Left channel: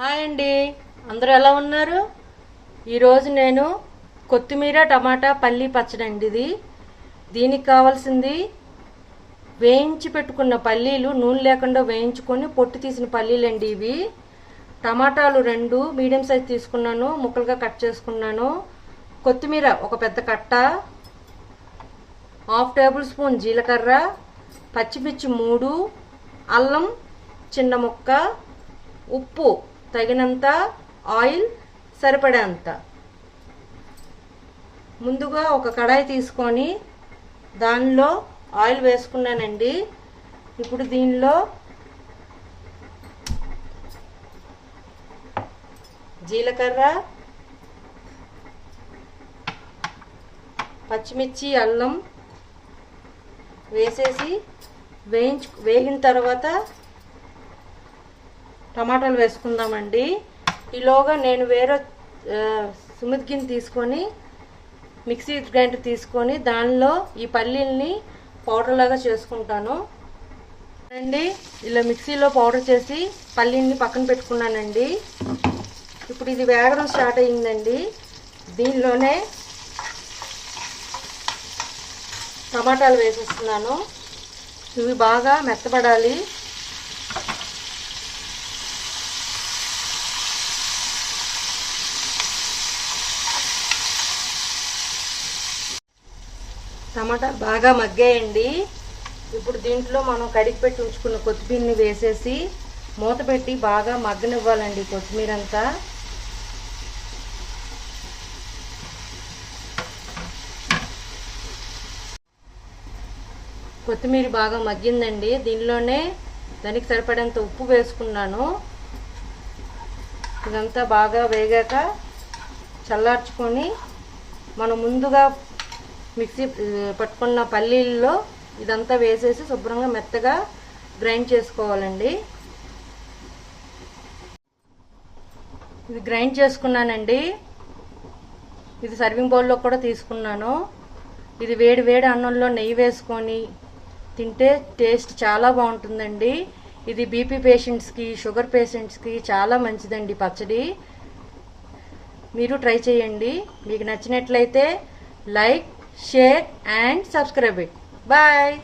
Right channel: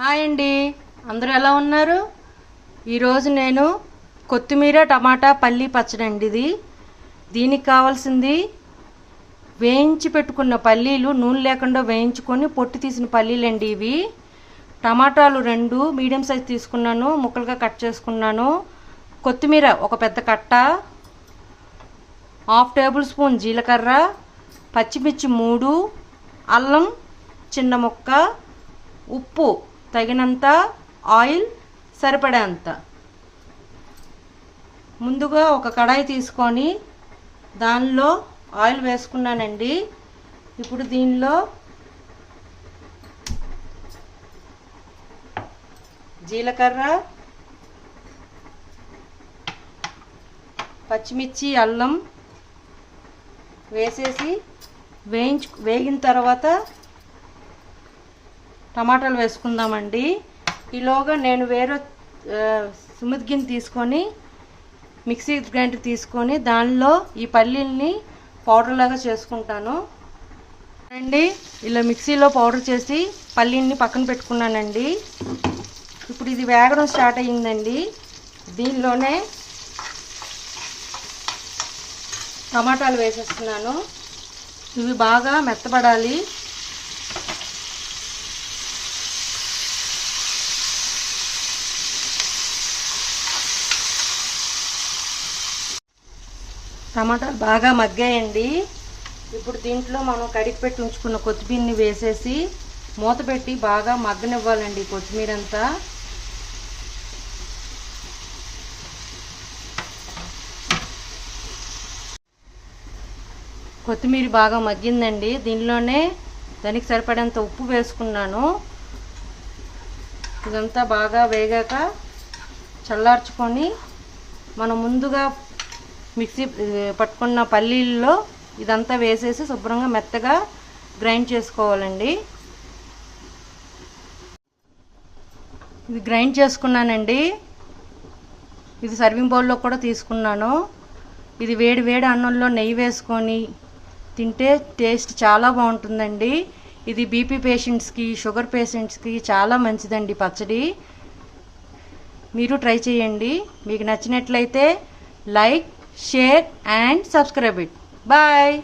Hi అండి, అందరూ ఎలా ఉన్నారు? ఈరోజు నేను కొత్తిమీర టమాటా పల్లీ పచ్చడి అండి. దీనికి కావాల్సింది వేయించి పెట్టుకున్న పల్లీలు, నూనె లేకుండా వేయించుకొని పొట్టు తీసిన పల్లీలు అండి ఇవి. టమాటాలు 2 మీడియం సైజ్ తీసుకున్నాను, ముక్కలుగా కట్ చేసుకున్నాను. కొత్తిమీర ఒక పెద్ద కట్ట, 1/2 టేబుల్ స్పూన్ జీలకర్ర, పచ్చిమిర్చి 3, అల్లం చిన్న ముక్క, ఉప్పు తగినంత, ఆయిల్ సరిపడేంత. ముందుగా ఒక కడాయి తీసుకొని దానిలో ఆయిల్ వేసుకున్నానండి. ఇప్పుడు దీనిలో జీలకర్ర, పచ్చిమిర్చి, అల్లం వేసేసి వేగిన తర్వాత టమాటాలు వేసుకుందామండి. ఈలోగా నేను వేరే సుమిత్ గిన్నె తీసుకొని మిక్సీ గ్రైండర్ తీసుకొని దానిలో ఈ పల్లీల్ని పౌడర్ లాగా చేసుకుంటాను అండి. ఇలా మిక్సీలో పౌడర్ చేసి పల్లీల్ని పక్కన పెట్టుకున్నానండి. ఇప్పుడు ఇది వేగడం స్టార్ట్ అయ్యిందండి. దీనిలోనే టమాటాలు వేసేస్తున్నాను. ఇవి బాగా మెత్తబడాలి. టమాటాలు బాగా మగ్గాయండి. ఇప్పుడు దీంట్లో మనం కడిగి పెట్టి ఉంచుకున్న కొత్తిమీరని వేసేసి మూత పెట్టి బాగా మగ్గనివ్వాలండి. కొత్తిమీర అంతా కొత్తిమీర బాగా మగ్గిందండి. దీనిలోనే దానికి సరిపడేంత ఉప్పు వేసుకున్నాను. ఇదంతా బాగా వేగాక చల్లార్చుకొని మనం ముందుగా మిక్సీ పట్టుకున్న పల్లీల్లో ఇదంతా వేసేసి శుభ్రంగా మెత్తగా గ్రైండ్ చేసుకోవాలండి. ఇది గ్రైండ్ చేసుకున్నానండి. ఇది సర్వింగ్ బౌల్లో కూడా తీసుకున్నాను. ఇది వేడి వేడి అన్నంలో నెయ్యి వేసుకొని తింటే టేస్ట్ చాలా బాగుంటుందండి. ఇది బీపీ పేషెంట్స్కి, షుగర్ పేషెంట్స్కి చాలా మంచిదండి పచ్చడి. మీరు ట్రై చేయండి. మీకు నచ్చినట్లయితే like, share and subscribe it. Bye.